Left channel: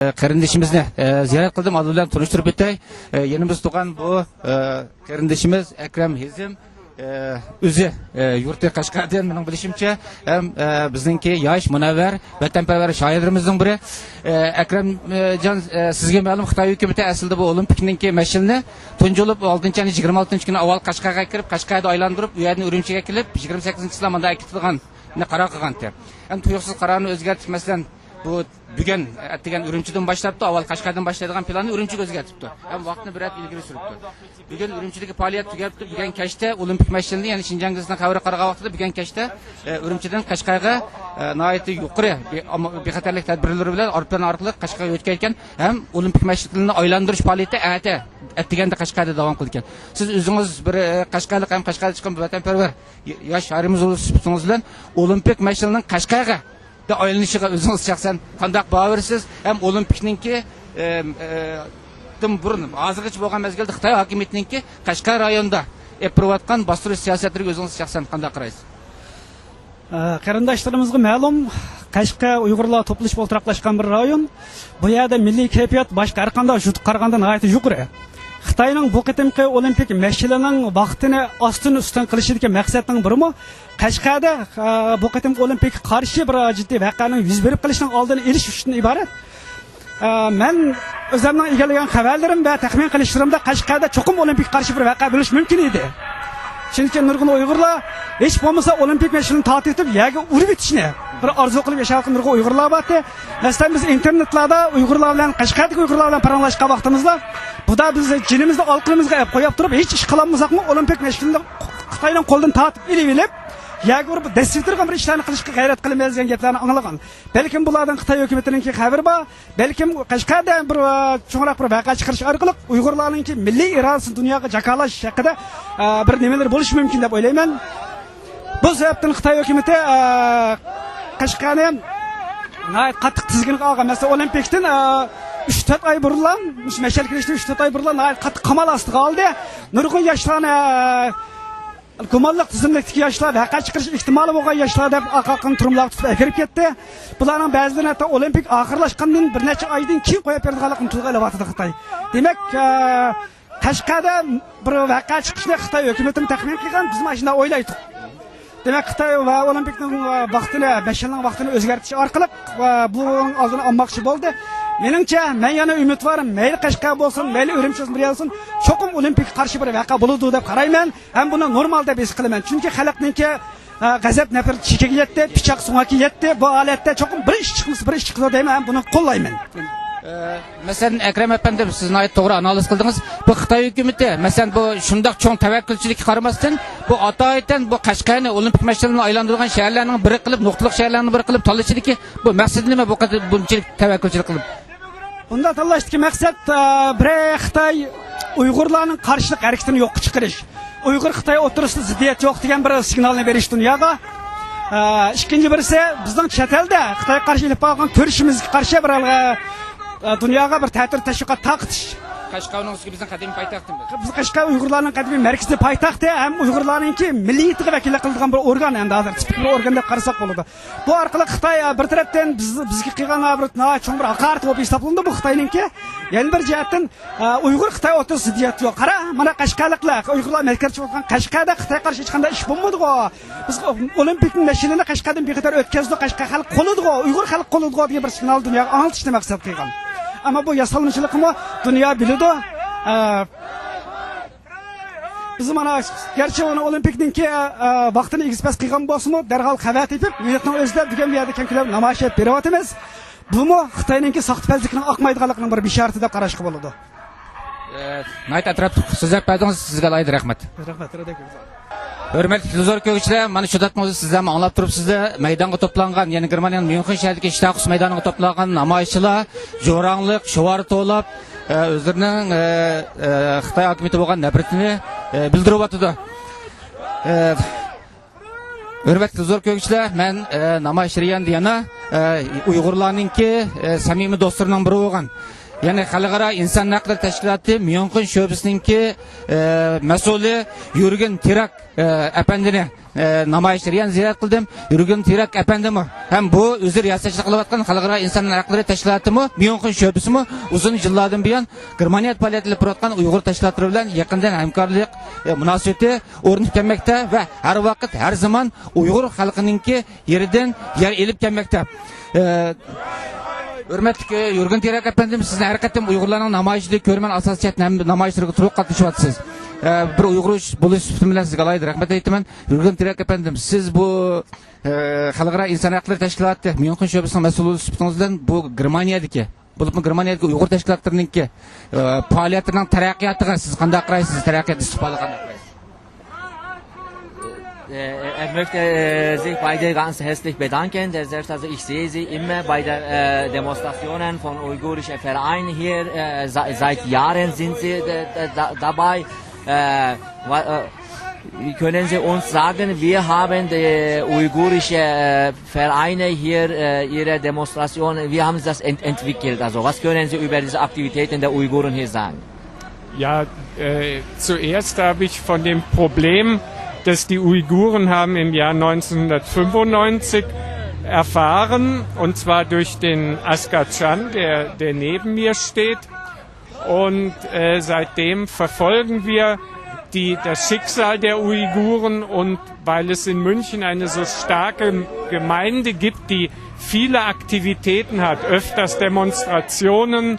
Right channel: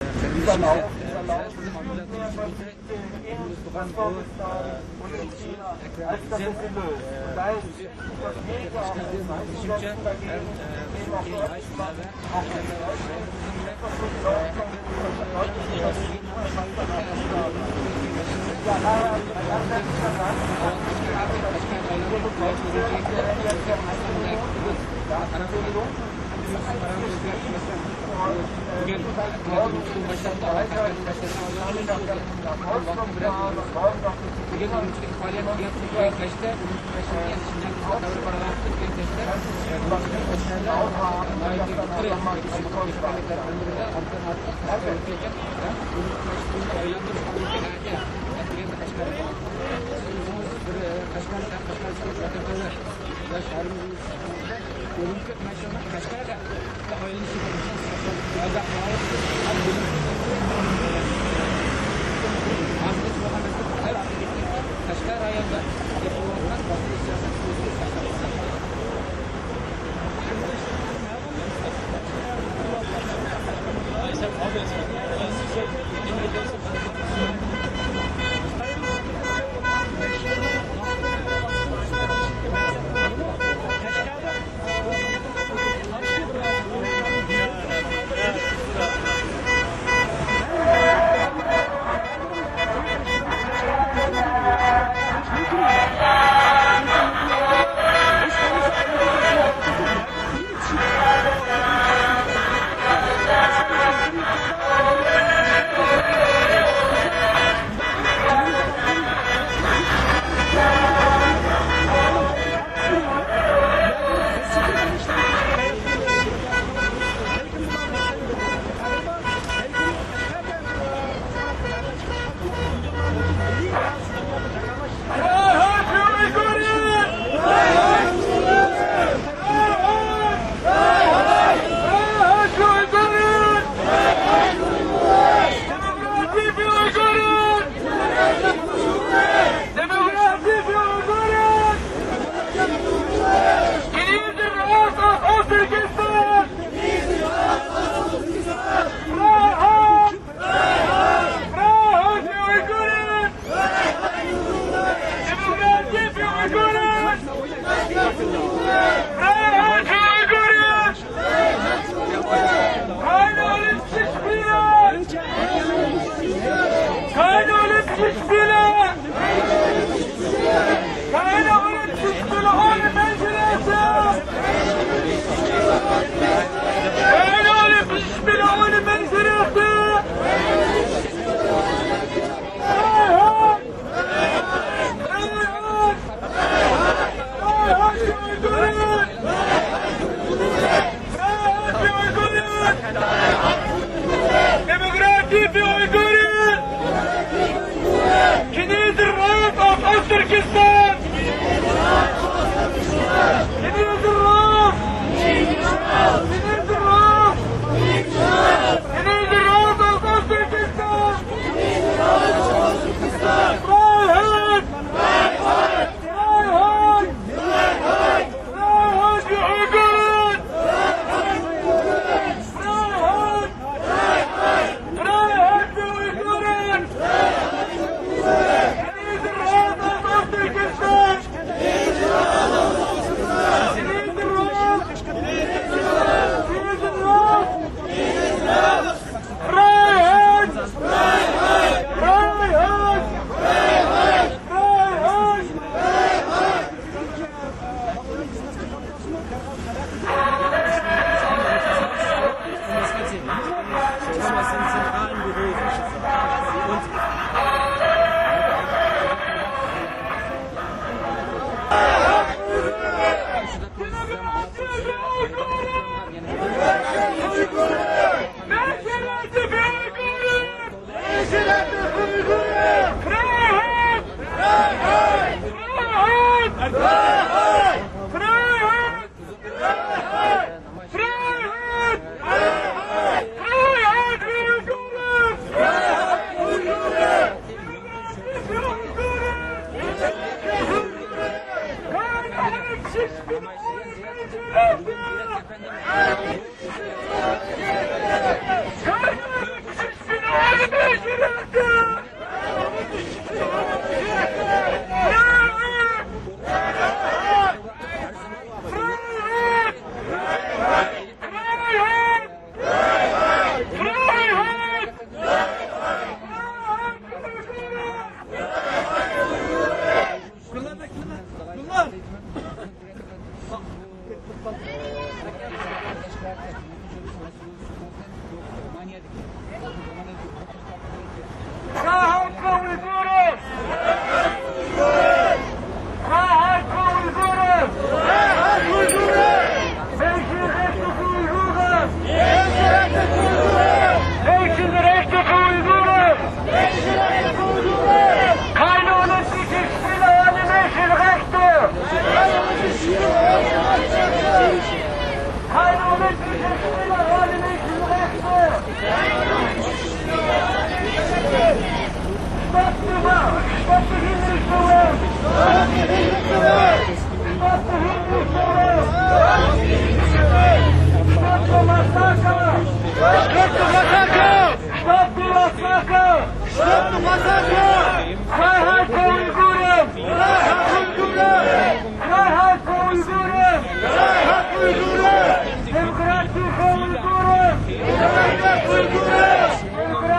Kardeşimizni ziyaret kıldım, adı bilan tanıştırıp etay. Yenimiz tuğan bu kardeşimiz Ekrem Hezin özü yurtta Qashqardan mening bilishimcha ham bizningki yosh munavvar vatanparvar shoirlarimizning biri. Ekremjon, sizga ma'lum Xitoy hukumati aslida bu olimpikninki mash'alni tunjulib 6-26 kuni avval Qashqarga kirib, Qashqarda aylantirib, u yerdan Urumchiga kelib 28-lamada akitilgan qaror qilgan. Ham tuyuqsiz qarorni o'zgartirmasdan bugün ettiğin Urumchidan başlattı, avval Qashqardan başladıgan planı Urumchiga o'zgartirdi. Bugün Urumchidagi faoliyat tugagan kechda olimpik mash'alni, ya'ni Shinjongda xabar qarag'an vaqtida bugün kechda Urumchidan Qashqarga nihoyatda yuqori bexatarlik tadbirlari bilan orqan orqali Qashqarga o'tgan ekan, ham olimpik mash'alni aylantirish faoliyati etdiganda Qashqarda davom qilgan. Siz o'zingiz bir Qashqarlik ham Qashqarda chiqqan vatanparvar yosh shoirimiz sifatingiz bilan olimpik mash'alning Qashqarga aylanışıga o'zingiz shaxsan qanday bavarsiz, ham olimpikninki burun hozirgacha bo'lgan mezgilda Xitoy hokimiyatininki Qashqar rayonida yapırıvatkan bastırış siyasetleri o'zingiz shaxsan qanday qaraysiz? Qarindoshlarımizga ma'lum, Qashqar Uyg'urlar to'plashib o'tiraqlashgan bir rayon. Bu yerda milliy kayfiyat boshqa har qanday qaragandan nihoyatda yuqori. Xitoyning bu qitimqi olimpik mash'alining vaqtini ostin-ustin qilishidagi maqsadning birimi Qashqarda bu qitim olimpik qarshi bir jiddiy voqeaning yuz berib qilishining oldini olish uchun iborat. Men o'zimning egallagan xabarlarim va taxmin qilishlarimda Qashqarda cho'qim olimpik qarshi bir voqea bo'lishi mumkin edi. Chunki nurg'un Uyg'urlar hech bo'lmasa olimpik mash'alni tortib yerga urib etishni bir orzu qilib yashayotgan nurg'un Uyg'urlar bor. Masalan biz internetlarda Uyg'urlar bilan Qashqardagi Uyg'urlar bilan paranglashgan vaqtimizda bu da biz jinimizde alqımızga qo'yib turib hech ish qilolmasak olimpik mash'alni Xitoydan qo'ldan tortib olib yagur destirgan bir ishlarni qilishga g'ayrat qilmaymiz degan gaplarni anglagan. Balkim bulardan Xitoy hukumatininki xabar bor, balkim Qashqarda bir cho'ngroq bir voqea chiqarish orqali Uyg'urlarning milliy irodasi dunyoga jakalash haqida bir nimalar bo'lishi mumkin deb o'ylayman. Bu sababdan Xitoy hukumati Qashqarni qattiq tizginlik olgan. Masalan, olimpikdan 3-4 oy burunlar, mash'al qilishdan 3-4 oy burunlar qattiq qamal ostiga oldi. Nurg'un yoshlarni gumonliq tizimlikdagi yoshlar haqqa chiqish ehtimoli bo'lgan yoshlar deb aqalqan turumlarga kirib ketdi. Bularning ba'zidan hatto olimpik oxirlashgandan bir necha oydan keyin qo'yib berilganligini tilga Xitoy. Demak, Qashqarda bir voqea chiqishni Xitoy hukumatining taxmin qilgan, biz mana shunday o'ylaydik. Demak, Xitoy va olimpik vaqtini, mash'alning vaqtini o'zgartirish orqali bu oldini olmoqchi bo'ldi. Meningcha, men yana umidvorim, mayli Qashqar bo'lsin, mayli Urumchi bo'lsin, cho'qim olimpik qarshi bir voqea bo'ladi deb qarayman. Ham buni normal deb his qilaman. Chunki xalqningki g'azab nafar chekinglatdi, pichoq sumoki yetdi. Bu holatda cho'qim bir ish qiladi deyman, ham buni qo'llayman. Mesela Ekrem efendim, siz nayet doğru analiz kıldınız. Bu Xitoy hukumati, mesela bu şundak çoğun tevekkülçülük qaramasdan bu ataydan bu Qashqarni olimpik mash'alni aylantirgan shaharlarning biri qilib, muxtliq shaharlarning biri qilib tanlashidagi bu maqsad nima bu qadar buncha tevekkülçülük qilib? Bunda tanlashdagi maqsad bir Xitoy Uyg'urlarning qarshilik harakatini yo'q chiqarish. Uyg'ur Xitoy o'tirisida ziddiyat yo'q degan bir signalni berish dunyoga. İkinci birisi bizning chet elda Xitoy qarshilik qilgan ko'rishimizga qarshi bir dunyoga bir ta'tir tashviqot taqtish. Qashqar Uyg'urlarning qadimiy markazi poytaxti ham Uyg'urlarningki milliyatiga vakillik qilgan bir organ, endi hozir tipik organ deb qarasak bo'ladi. Bu orqali Xitoy bir tarafdan bizga qilgan bir cho'ng haqorat deb hisoblandi bu Xitoyningki. Yana bir jihatdan Uyg'ur Xitoy o'rtasida ziddiyat yo'q. Qara, mana Qashqarliklar, Uyg'urlar merkazchi bo'lgan Qashqarda Xitoy qarshi hech qanday ish bo'lmadi-ku. Biz olimpik mash'alani Qashqardan bexatar o'tkazdik, Qashqar xalq qo'lidi-ku, Uyg'ur xalq qo'lidi-ku degan bir signal dunyoga anglitishni maqsad qilgan. Ama bu yasalmışlıkla dünya bilidi. Bizim ana gerçi ona olimpikninki vaqtini egizpas qilgan bo'lsa-mu, darhol xabar qilib, millatning o'zida bugun yerda kelib namoyish etib beryapmiz. Bumi Xitoyningki saxtfazlikning oqmaydiganligining bir bishorati deb qarashga bo'ladi. Nayt atraf so'zlab berdingiz, sizga alayhi rahmat. Hürmetli huzur kökçüler, mana şu datmızı sizlerle anlatıp turupsizler, meydanda toplangan, yani Germaniyanın München şehirindeki İştakus meydanına toplangan namayışçılar, jo'ranglik, şuvar to'lab, o'zlarining Xitoy hukumati bo'lgan nafratini bildirib o'tdi. Hürmetli huzur kökçüler, men namayışçıyan diyana Uyg'urlarningki samimiy do'stlarining biri bo'lgan. Yani xalqaro inson haqlari tashkiloti München sho'bisininki mas'uli Yurgen Tirak apandini namoyishlar yani ziyorat qildim. Yurgen Tirak efendimi ham bu o'zi riyosatchilik qilayotgan xalqaro inson haqlari tashkilotimi, Myunxen sho'bisimi uzun yillardan buyon Germaniya faoliyatini yuritayotgan Uyg'ur tashkilotlari bilan yaqindan hamkorlik munosabati o'rnab kelmoqda va har vaqt har zamon Uyg'ur xalqininki yeridan yer elib kelmoqda. Hürmetli Yurgen Tirak efendim, sizin hareketim Uygurların namayişli körmen asas çetnem namayişleri turup katışıyorsunuz. Bir Uygur buluş bilen sizge alaydı. Rahmet eytimen. Yurgen Tirak efendim, siz bu Halkara İnsan Hakları Teşkilatı Myunxen şubesinin mesulü sıfatınızdan bu Germaniya'daki bu Germaniya'daki Uygur teşkilatlarınınki faaliyetlerinin terakkiyatıga siz qanday qaraysiz terakkiyat Ich möchte Sie beide ganz herzlich bedanken. Selbstverständlich, ich sehe Sie immer bei der Demonstrationen von uigurischen Vereinen hier. Seit Jahren sind Sie dabei. Wie können Sie uns sagen, wir haben uigurische Vereine hier, ihre Demonstrationen, wie haben Sie das entwickelt? Also was können Sie über diese Aktivitäten der Uiguren hier sagen? Ja, zuerst habe ich von dem Problem, das die Uiguren haben im Jahr 1995 erfahren, und zwar durch den Asghar Can, der neben mir steht. Und seitdem verfolgen wir das Schicksal der Uiguren, und weil es in München eine so starke Gemeinde gibt, die viele Aktivitäten hat, öfters Demonstrationen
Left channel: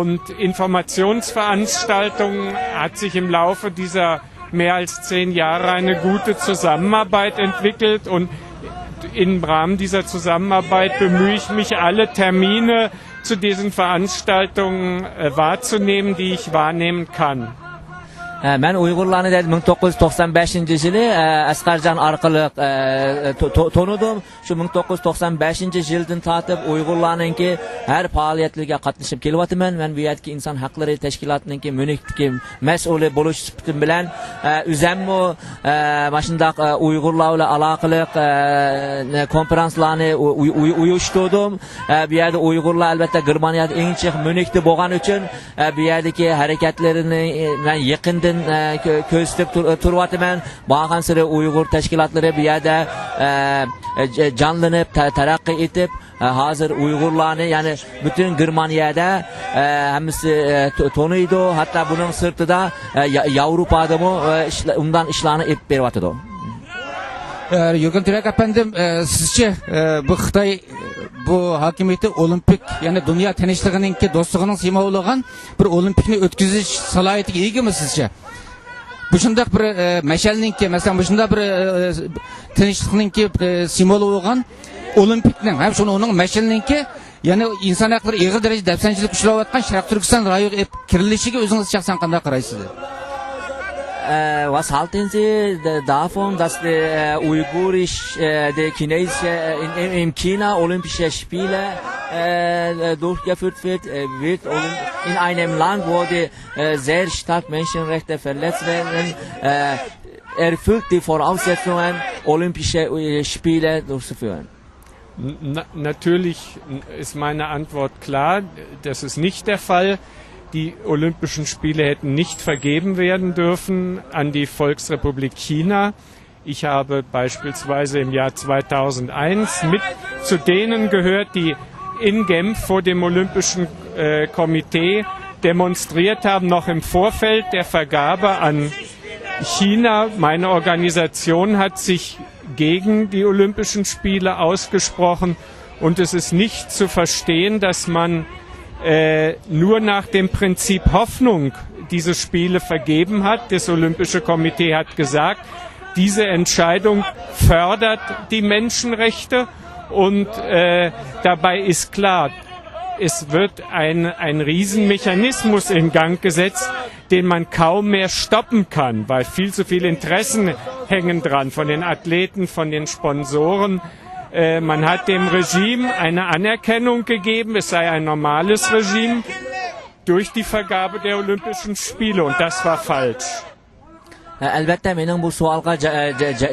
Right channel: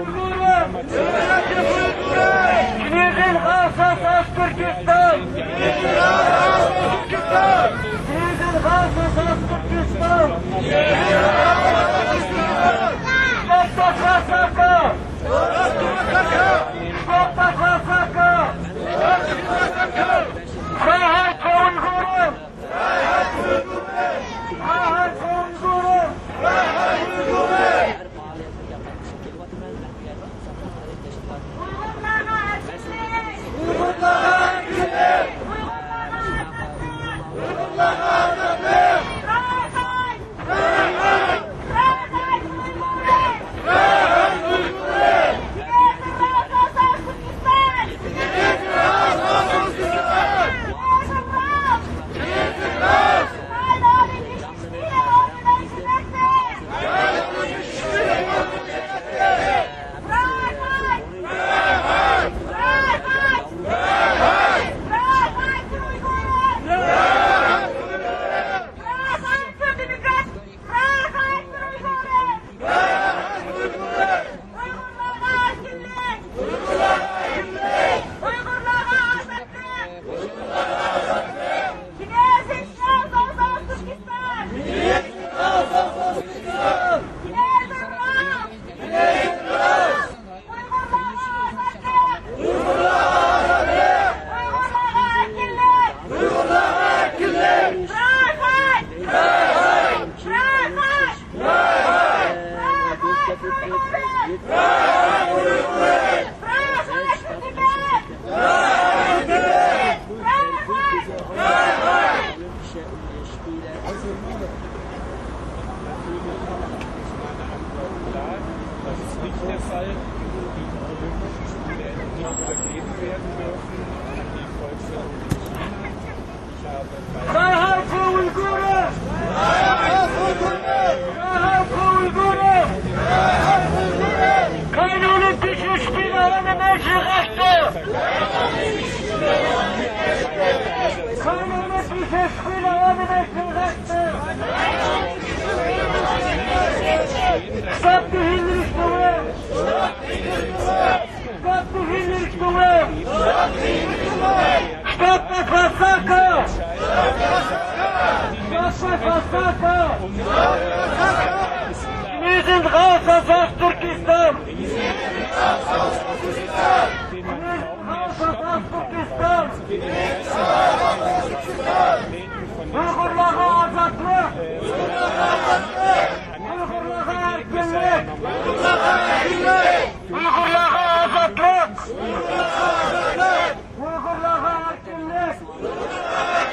und Informationsveranstaltungen, hat sich im Laufe dieser mehr als 10 Jahre eine gute Zusammenarbeit entwickelt, und im Rahmen dieser Zusammenarbeit bemühe ich mich, alle Termine zu diesen Veranstaltungen wahrzunehmen, die ich wahrnehmen kann. Ben Uygurlarni 1995 yili Asqarjon orqali tanıdım. Shu 1995 yildan tortib Uygurlarninki har faoliyatlariga qatnashib kelyapman. Men bu yerki inson haqlari tashkilotininki Myunxdagi mas'uli bo'lish bilan o'zimni mana shundaq Uygurlar bilan aloqali konferanslarni uyushtirdim. Bu yerda Uygurlar albatta Germaniyada eng chiq Myunxda bo'lgani uchun bu yerdagi harakatlarini men yaqindan ko'zlab turyapman. Borgan sari Uyg'ur tashkilotlari bu yerda jonlanib taraqqiy etib, hozir Uyg'urlarni ya'ni butun Germaniyada hammasi taniydi. Hatto buning sirtida Yevropada undan ishlarni etib beryapti. Yurgen Tirak efendim, sizce bu Xitoy bu hakimiyeti olimpik yani dünya tinchligininki do'stlig'ining simvoli bo'lgan bir olimpikni o'tkazish salohiyatiga egami sizcha? Bu shunday bir mashalninki, masalan, bu shunday bir tinchlikninki simvoli bo'lgan olimpikni, ham shuni uning mashalninki, ya'ni inson haqlari og'ir darajada dafsanchilik ishlayotgan Sharq Turkiston rayoniga kirilishiga o'zingiz shaxsan qanday qaraysiz? Was halten Sie davon, dass die die chinesische in China Olympische Spiele durchgeführt wird in einem Land, wo die sehr stark Menschenrechte verletzt werden, erfüllt die Voraussetzungen, Olympische Spiele durchzuführen? Natürlich ist meine Antwort klar, das ist nicht der Fall. Die Olympischen Spiele hätten nicht vergeben werden dürfen an die Volksrepublik China. Ich habe beispielsweise im Jahr 2001 mit zu denen gehört, die in Genf vor dem Olympischen Komitee demonstriert haben, noch im Vorfeld der Vergabe an China. Meine Organisation hat sich gegen die Olympischen Spiele ausgesprochen, und es ist nicht zu verstehen, dass man nur nach dem Prinzip Hoffnung diese Spiele vergeben hat. Das Olympische Komitee hat gesagt, diese Entscheidung fördert die Menschenrechte, und dabei ist klar, es wird ein Riesenmechanismus in Gang gesetzt, den man kaum mehr stoppen kann, weil viel zu viele Interessen hängen dran, von den Athleten, von den Sponsoren. Man hat dem Regime eine Anerkennung gegeben, es sei ein normales Regime durch die Vergabe der Olympischen Spiele, und das war falsch. Albatta mening bu savolga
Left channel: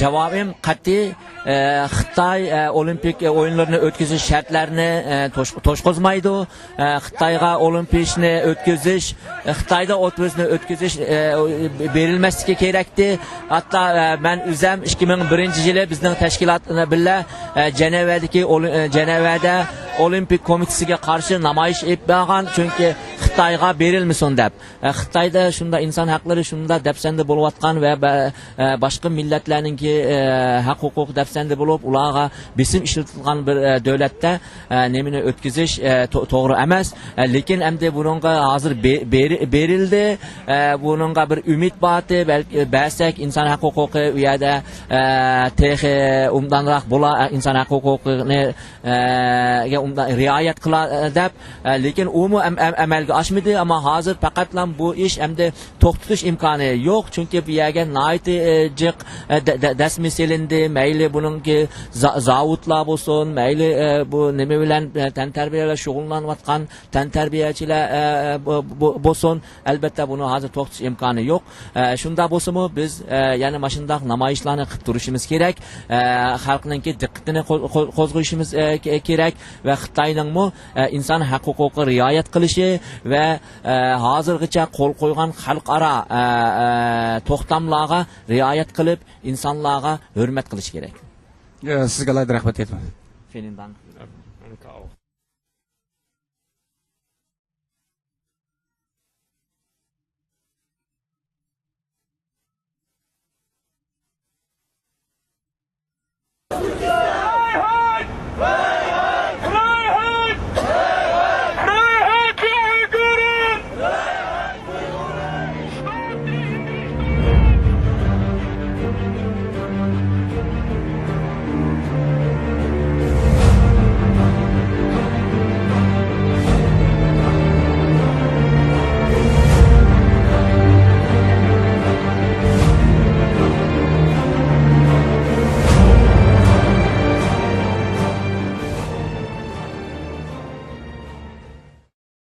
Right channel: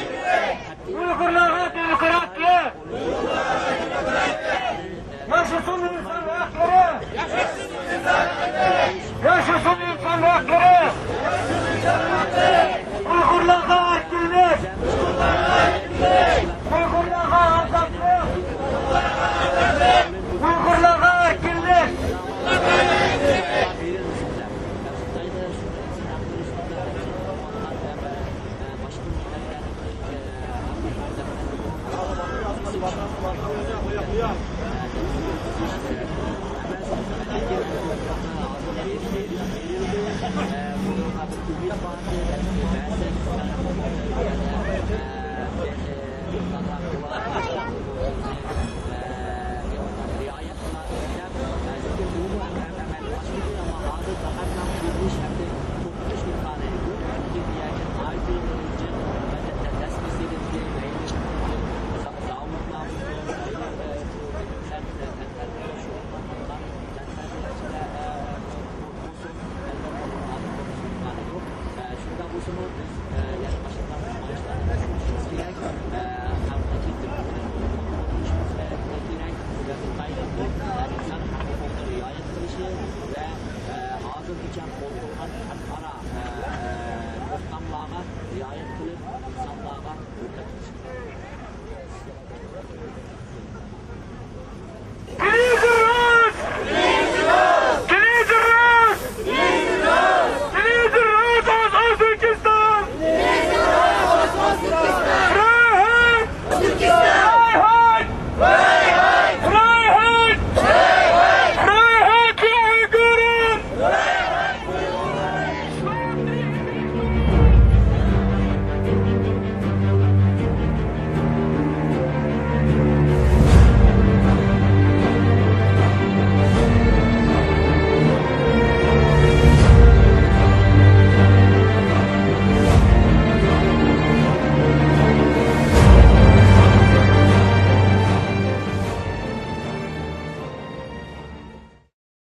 javobim qat'iy Xitoy olimpik o'yinlarni o'tkazish shartlarini to'shqozmaydi. Xitoyga olimpiyani o'tkazish, Xitoyda o'tkazish berilmasligi kerakdi. Hatto men o'zim 2001-yili bizning tashkilot bilan Jenevada olimpik komitesiga qarshi namoyish etgan, chunki Xitoyga berilmasin deb. Xitoyda shunda inson haqlari shunda dafsanda bo'layotgan va boshqa millatlarningki haq huquq dafsanda bo'lib, ularga besim ishlatgan bir davlatda nemini o'tkazish to'g'ri emas. Lekin endi bunga hozir berildi. Bunga bir umid bordi, balki ba'sak inson haq huquqi u yerda texi umdanroq bo'lar, inson haq huquqini riayat qiladi deb, lekin u amalga oshmadi. Ammo hozir faqat bu ish endi to'xtatish imkoni yo'q, chunki bu yerga nihoyat jiq dasmi selindi. Mayli buningki zavodlar bo'lsin, mayli bu nima bilan tantarbiyalar shug'ullanayotgan tantarbiyachilar bo'lsin, albatta buni hozir to'xtatish imkoni yo'q. Shunda bo'lsa-mu biz yana mana shunday namoyishlarni qilib turishimiz kerak, xalqningki diqqatini qo'zg'ashimiz kerak va Xitoyningmi inson haq huquqi rioyat qilishi va hozirgacha qo'l qo'ygan xalqaro to'xtamlarga rioyat qilib insonlarga hurmat qilish kerak. Sizga rahmat aytaman.